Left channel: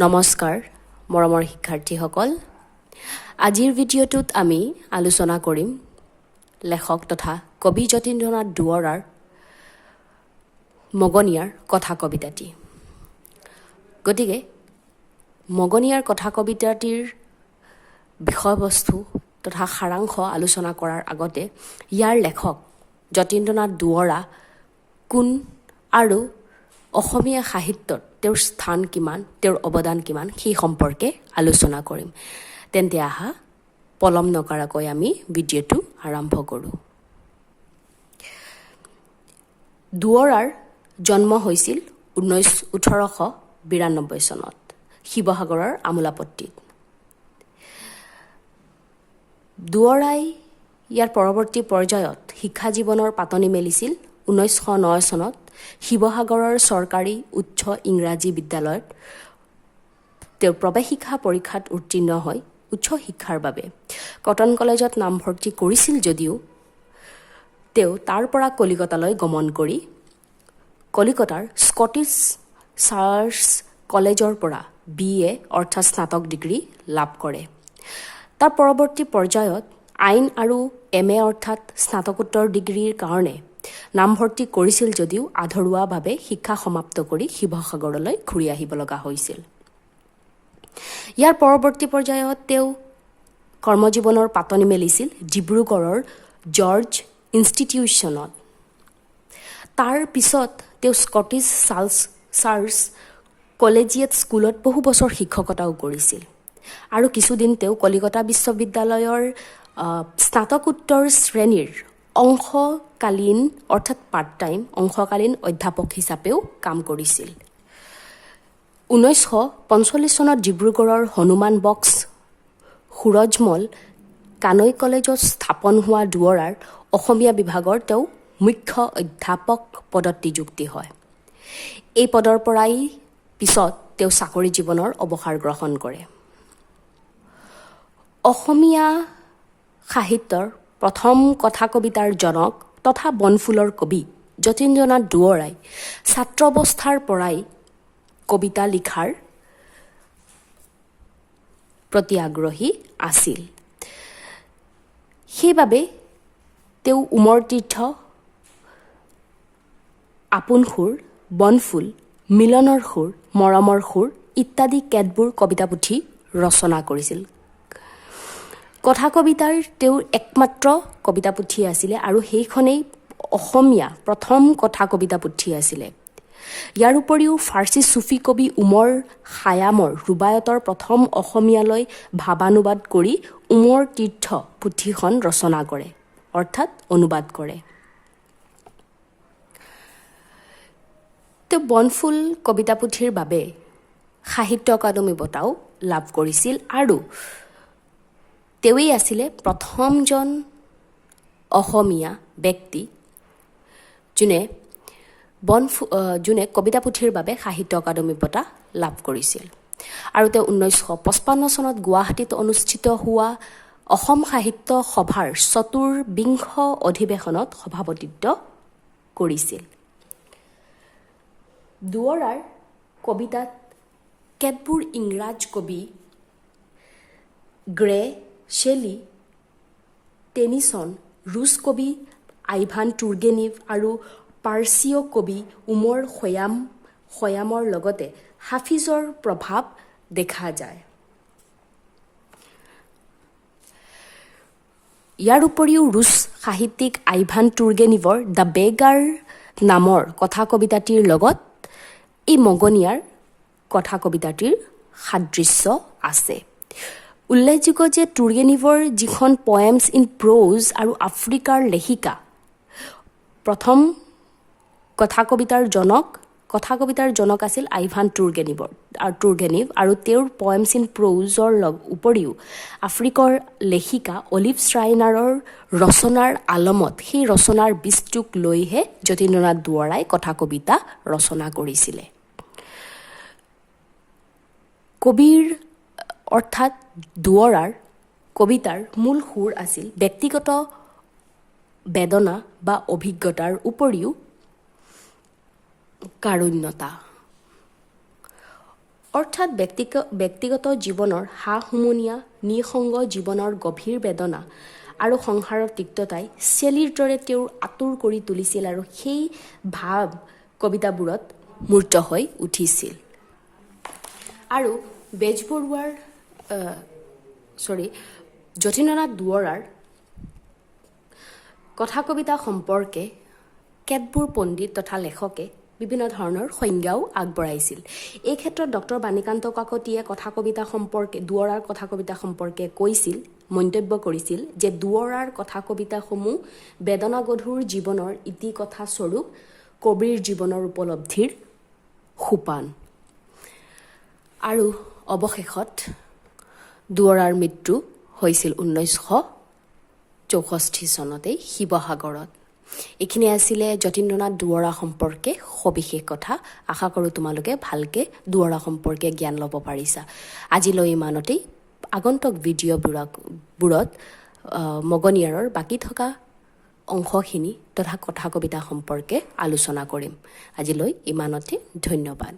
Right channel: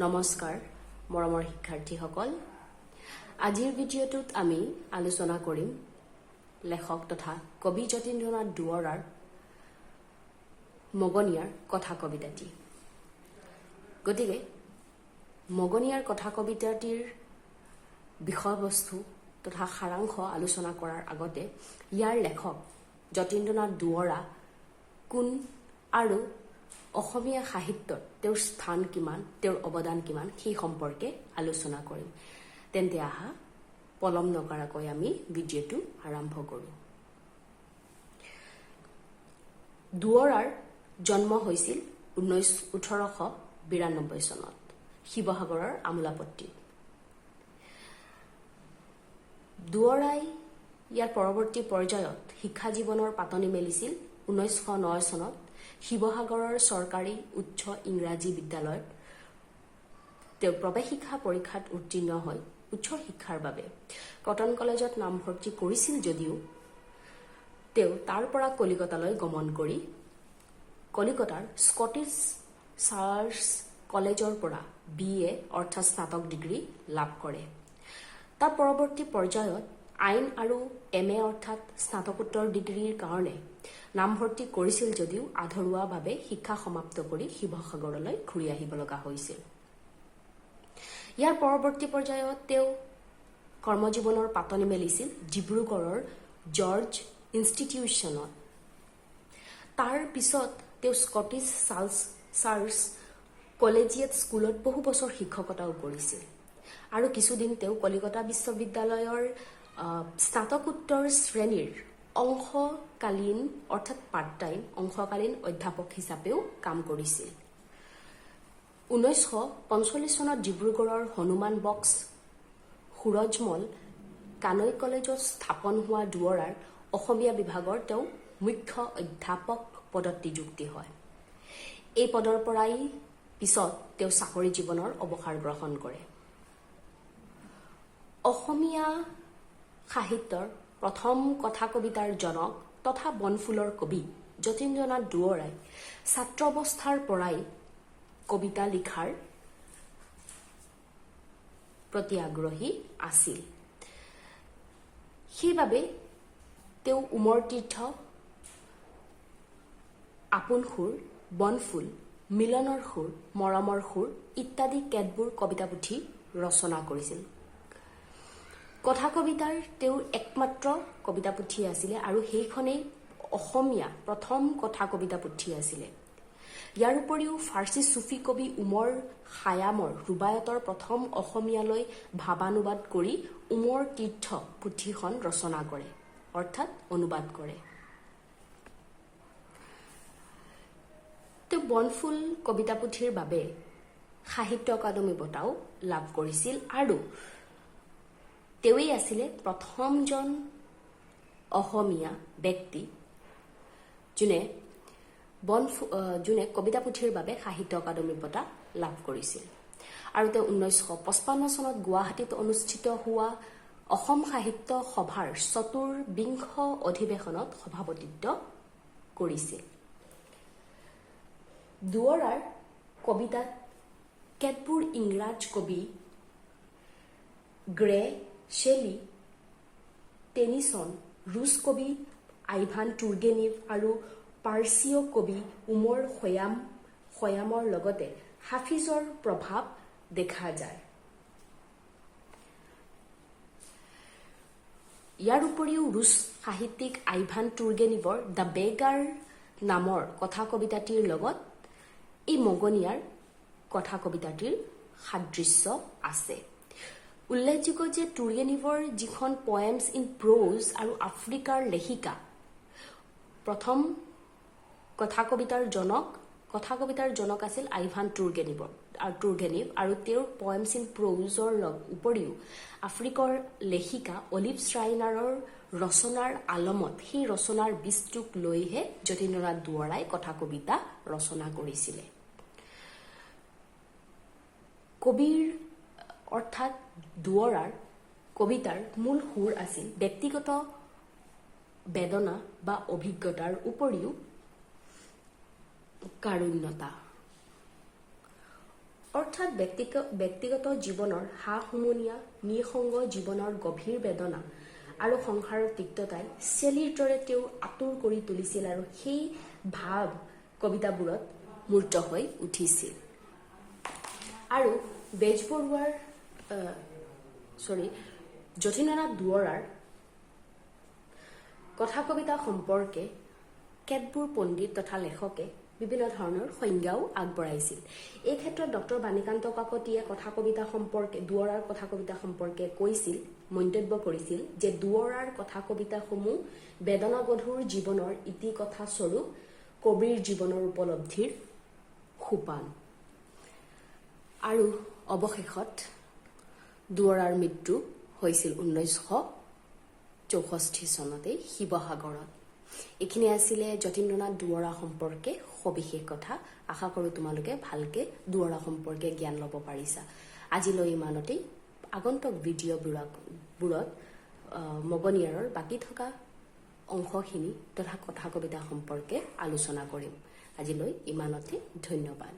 নমস্কাৰ মৰমৰ শিক্ষাৰ্থীসকল আজিৰ ভিডিঅ'টোত আমি আলোচনা কৰিম লেখক তথা কবি যতীন্দ্ৰনাথ দুৱৰাৰ মগনিয়াৰ কথা কবিতাটি গতিকে মগনিয়াৰ কথা কবিতাটিৰ বিষয়বস্তু তথা সাৰাংশ আলোচনা কৰাৰ আগতে ইয়াৰ লেখক যতীন্দ্ৰনাথ দুৱৰা কোন আৰু অসমীয়া সাহিত্যত তেওঁৰ স্থান কিমান তেওঁৰ অৱদান কিমান সেই সম্পৰ্কে আলোচনা কৰিম তেন্তে আহা পলম নকৰাকৈ আমি ভিডিঅ'টো আৰম্ভ কৰোঁ দুৱৰাৰ জন্ম হৈছিল 1892 চনত শিৱসাগৰৰ আমোলাপট্টিত দুৱৰাই ইয়াৰ পৰৱৰ্তী পৰ্যায়ত শিক্ষা জীৱনৰ পাতনি মেলিছিল 1909 চনত শিৱসাগৰৰ চৰকাৰী উচ্চ ইংৰাজী বিদ্যালয়ত তেওঁ প্ৰৱেশিকা পৰীক্ষাত উত্তীৰ্ণ হৈ উচ্চ শিক্ষাৰ বাবে কটন কলেজত নামভৰ্তি কৰিছিল যদিও তেওঁ তাৰ পৰা কলিকতালৈ গমন কৰি কলিকতাৰ স্কটিছ চাৰ্চ কলেজৰ পৰা BA অৰ্থাৎ স্নাতক ডিগ্ৰী লাভ কৰে তাৰ পৰৱৰ্তী পৰ্যায়ত আইন আৰু MA অৰ্থাৎ স্নাতকোত্তৰ ডিগ্ৰীৰ কাৰণে নামভৰ্তি কৰিছিল যদিও আধৰুৱাভাৱে শিক্ষা সমাপ্ত কৰি শিৱসাগৰলৈ ঘূৰি আহিব লগা হৈছিল ইয়াৰ পৰৱৰ্তী পৰ্যায়ত তেওঁ কৰ্মজীৱনৰ পাতনি মেলিছিল ডিব্ৰুগড়ৰ জৰ্জ ইনষ্টিটিউশ্যনত তাৰ পিছত তেওঁ স্কটিছ চাৰ্চ কলেজিয়েট স্কুলত বহু বছৰ শিক্ষকতাও কৰিছিল আৰু কিছুদিন তেওঁ কলিকতা বিশ্ববিদ্যালয়ৰ স্নাতকোত্তৰ শ্ৰেণীৰ অংশকালীন অৰ্থাৎ পাৰ্ট টাইম অংশকালীন অধ্যাপক হিচাপেও কাম কৰিছিল 1945 চনত ডিব্ৰুগড়ৰ হনুমান বক্স সুৰজমল কানৈ কলেজত স্থাপন হোৱা দুৱৰাৰ অসমীয়া বিভাগৰ তেওঁ মুখ্য অধ্যাপক পদত নিযুক্তি হয় এই পদৰ পৰাই পিছত তেওঁ চাকৰি জীৱনৰ অৱসৰ গ্ৰহণ কৰে অসমীয়া সাহিত্যৰ প্ৰথম কথা কবিতাৰ জনক তথা বনফুলৰ কবি যতীন্দ্ৰনাথ দুৱৰাই ছাত্ৰ অৱস্থাৰ পৰাই কবিতা লিখাৰ প্ৰতি আগ্ৰহী আছিল সেইবাবে তেওঁ উমৰ তীৰ্থ আপোন সুৰ বনফুল মিলনৰ সুৰ মৰমৰ সুৰ ইত্যাদি কেতবোৰ কবিতা পুথি ৰচনা কৰিছিল কথা কবিতাৰ তেওঁৰ একমাত্ৰ কবিতা পুথি আছিলে আৰু সেইখনেই অসমীয়া প্ৰথম কথা কবিতা পুথি আছিলে ইয়াৰ উপৰিও ফাৰ্চী চুফী কবি উমৰ খায়ামৰ ৰুবায়তৰ প্ৰথম অসমীয়ালৈ ভাৱানুবাদ কৰি উমৰ তীৰ্থ পুথিখন ৰচনা কৰে অৰ্থাৎ অনুবাদ কৰে তেওঁ বনফুল কবিতা পুথিৰ বাবে সাহিত্য একাডেমী বঁটাও লাভ কৰিছিল আৰু তেওঁই আছিলে প্ৰথমজন অসমীয়া ব্যক্তি যোনে কবিতা পুথিৰ বাবে সাহিত্য একাডেমী বঁটা লাভ কৰিছিল আৰু তেওঁ 1955 চনত গুৱাহাটীত অনুষ্ঠিত হোৱা অসম সাহিত্য সভাৰ 24বিংশ অধিৱেশনত সভাপতিত্ব কৰিছিল দুৱৰাৰ কবিতাত কেতবোৰ ইংৰাজ কবি গ্ৰে শেলী টেনিছন ৰুছ কবি আইভান তুৰ্গেনিভ আৰু পাৰ্চীয় কবি উমৰ খয়ামৰ লগতে হাফিজৰ প্ৰভাৱ দেখা যায় ইয়াৰ উপৰিও ৰুছ সাহিত্যিক আইভান তুৰ্গেনিভৰ দ্য বেগাৰ নামৰ কথা কবিতাটিৰ লগত এই মগনিয়াৰ কথা কবিতাটিৰ সাদৃশ্য আছে উল্লেখযোগ্য যে তুৰ্গেনিভৰ যিখন পয়েমছ ইন প্ৰ'জ আৰু আফ্ৰিকাৰ লেখিকা প্ৰথম কথা কবিতাৰ জনক আছিল আইভান তুৰ্গেনিভ আৰু তেওঁৰ পয়েমছ ইন প্ৰ'জৰ উপৰিও আফ্ৰিকাৰ লেখিকা অলিভ শ্ৰাইনাৰৰ ৰচনাৰ আলমত সেই ৰচনাৰ বিস্তৃত লৈহে যতীন্দ্ৰনাথ দুৱৰাই কথা কবিতা ৰচনা কৰিছিলে কবিৰ অৰ্থাৎ দুৱৰাৰ কবিতাৰ মূল সুৰ আছিল ব্যক্তিগত বেদনা বা অভিজ্ঞতাৰ উপৰিও কাৰুণ্যতা অৰ্থাৎ ব্যক্তিগত জীৱনৰ হা-হুমনীয়া নিসংগ জীৱনৰ গভীৰ বেদনা আৰু সংসাৰৰ তিক্ততাই চেলিৰ দৰে তেওঁৰ আঁতুৰ কৰি তুলিছিল আৰু সেই ভাৱ কবিতাবোৰত মূৰ্ত হৈ উঠিছিল। আৰু বেজবৰুৱাৰ যতীন্দ্ৰনাথ দুৱৰাৰ কথা কবিতা সম্পৰ্কে কেতবোৰ পণ্ডিত তথা লেখকে বিভিন্ন ধৰণৰ সংজ্ঞাও আগবঢ়াইছিল। এই ক্ষেত্ৰত ডক্টৰ বাণীকান্ত কাকতিয়ে কথা কবিতা সম্পৰ্কে দুৱৰাৰ কথা কবিতা সম্পৰ্কে কৈছিল, মন্তব্য কৰিছিল যে দুৱৰাৰ কথা কবিতাসমূহ বেদনাগধুৰ জীৱনৰ ইতিকথা স্বৰূপ কবিৰ জীৱনৰ উপলব্ধিৰ সোপান। আৰু অৱশেষত দুৱৰাৰ মৃত্যু হৈছিল 1964 চনতেই শিৱসাগৰত। এইখিনি আছিলে যতীন্দ্ৰনাথ দুৱৰা সম্পৰ্কে সবিশেষ কথা। আশা কৰোঁ তোমালোকে ভালকৈ দুৱৰা সম্পৰ্কে জ্ঞান ল'ব পাৰিছা। আজিলৈ ইমানতেই। আগন্তুক ভিডিঅ'বোৰত মগনিয়াৰৰ বাকী থকা অংশখিনি তথা কথা কবিতা সম্পৰ্কে আলোচনা কৰিম। আজিলৈ ইমানতে, ধন্যবাদ।